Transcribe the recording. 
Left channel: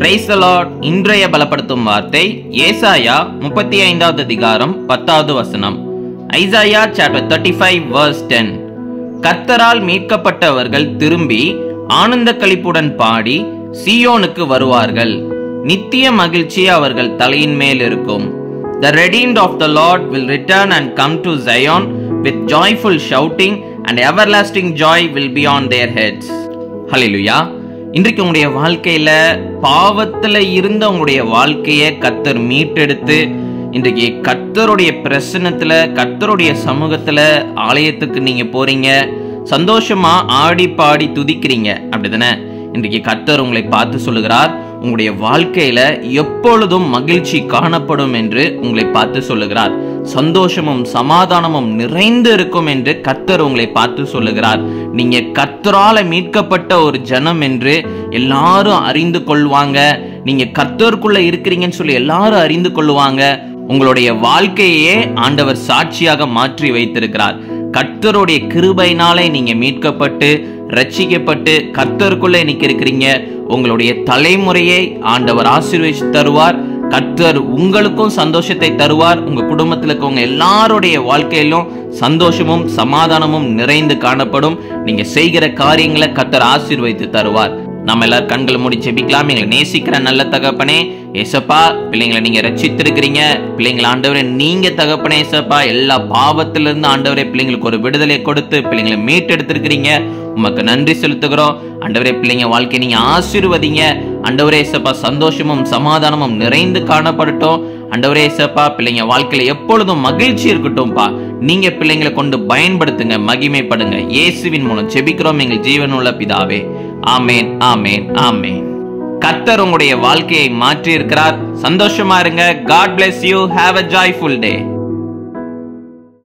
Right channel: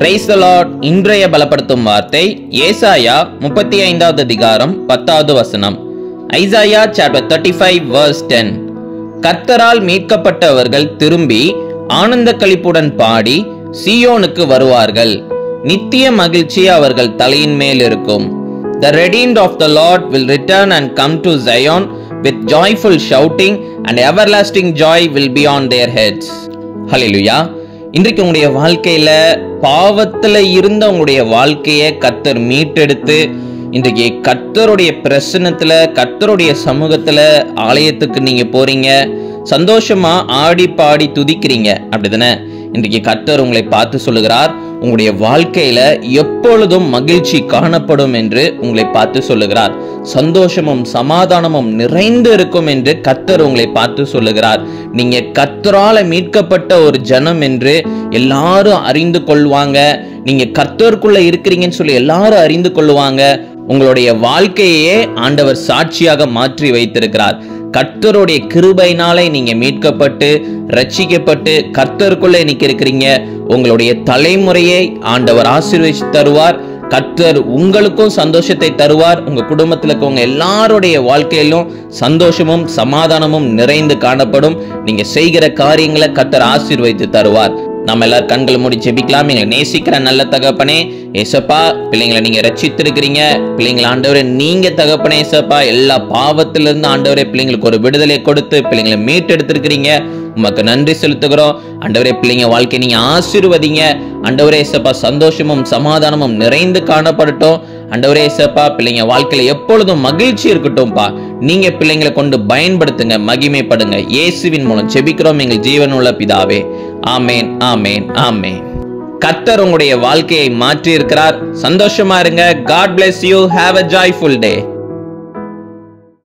Praise the Lord. இன்றைய பலப்படுத்தும் வார்த்தை ஏசாயா 35வது அதிகாரம் 10வது வசனம். Isaiah chapter 35 verse 10. கர்த்தரால் மீட்கப்பட்டவர்கள் திரும்பி ஆனந்த களிப்புடன் பாடி சீயோனுக்கு வருவார்கள். நித்திய மகிழ்ச்சி அவர்கள் தலையின் மேல் இருக்கும். The redeemed of the Lord will return and come to Zion with joyful shouting, and everlasting joy will be on their heads. Hallelujah. இன்றைக்கு உங்களுடைய வாழ்க்கையில பாவத்துல இருந்த உங்களுடைய வாழ்க்கையை கர்த்தர் மீட்டெடுத்து இன்றைக்கு கர்த்தருடைய பிரசன்னத்துல கர்த்தருடைய சமூகத்துல ஆலயத்துக்கு நீங்க போறீங்க, சந்தோஷமா ஆடி பாடி துதிக்கிறீங்க, அப்படிதானே? இன்றைக்கு கர்த்தர் உங்களை பார்த்து சொல்லுகிறார், உங்களுடைய வாழ்க்கையில எப்பொழுதும் மகிழ்ச்சி காணப்படும் என்று உங்களை பார்த்து சொல்லுகிறார். சந்தோஷமும் சமாதானமும் நிறைந்து இருக்கும் என்று கர்த்தர் உங்களை பார்த்து சொல்லுகிறார். நீங்க கர்த்தரால மீட்கப்பட்ட ஒரு ஜனம் என்று எல்லாரும் அறிந்து கொள்வாங்க. நீங்க கர்த்தருக்குள்ள இருக்கிறீங்கன்னு சொல்லி எல்லாரும் அறிந்து கொள்வாங்க. உங்களுடைய வாழ்க்கையே ஆண்டவர் சாட்சியாக மாற்றி வைத்திருக்கிறார். கர்த்தருடைய கிருபையினாலே நீங்க மீட்கப்பட்டு ரட்சிக்கப்பட்டு கர்த்தருக்குள்ள இன்னைக்கு இருக்கிறீங்க. உங்களுடைய தலைமுறையை ஆண்டவர் ஆசீர்வதித்து தருவார். கர்த்தர் உங்களுக்கும் சந்தோஷத்தை தருவார். உங்க குடும்பத்தில் இருக்கவங்க எல்லாருடைய வாழ்க்கையிலும் சந்தோஷமும் சமாதானமும் நிறைந்து காணப்படும். நீங்க செய்கிற காரியங்களை கர்த்தர் ஆசீர்வதித்து தருவார். நம்ம எல்லாரும் கண்களை மூடி ஜெபிக்கலாம். எங்களை நேசிக்கிற நல்ல தகப்பனே ஏசப்பா, பிள்ளைங்களை நீங்க ரட்சித்திருக்கிறீங்க. பிள்ளைங்களை ஆண்டவரே நீங்க தகப்பனே ஏசப்பா, எல்லா பாவத்திலிருந்து ஆண்டவரே பிள்ளைங்களுக்கு ஒரு விடுதலை கொடுத்து பிள்ளைங்களை மீட்டெடுத்திருக்கிறீங்க. உமக்கு நன்றி செலுத்துகிறோம் ஆண்டவரே. பிள்ளைங்க வாழ்க்கையை நீங்க ஆசீர்வதிங்க ஆண்டவரே ஏசப்பா. சந்தோஷமும் சமாதானமும் நிறைந்து காணப்படட்டும் ஆண்டவரே ஏசப்பா. பிள்ளைங்க வாழ்க்கையில எப்பொழுதும் மகிழ்ச்சி இருக்கட்டும்பா. நீங்க பிள்ளைங்களை கொண்டு பயன்படுத்துங்க, மகிமைப்படுங்க. இயேசுவின் மூலம் ஜெபிக்கிறோம் எங்கள் ஜீவனுள்ள பிதாவே. ஆமேன், ஆமேன், ஆமேன். கர்த்தர் உங்களுடைய வாழ்க்கையை மாற்றி இருக்கிறார். சந்தோஷமா இருங்க. God bless you. Have a joyful day.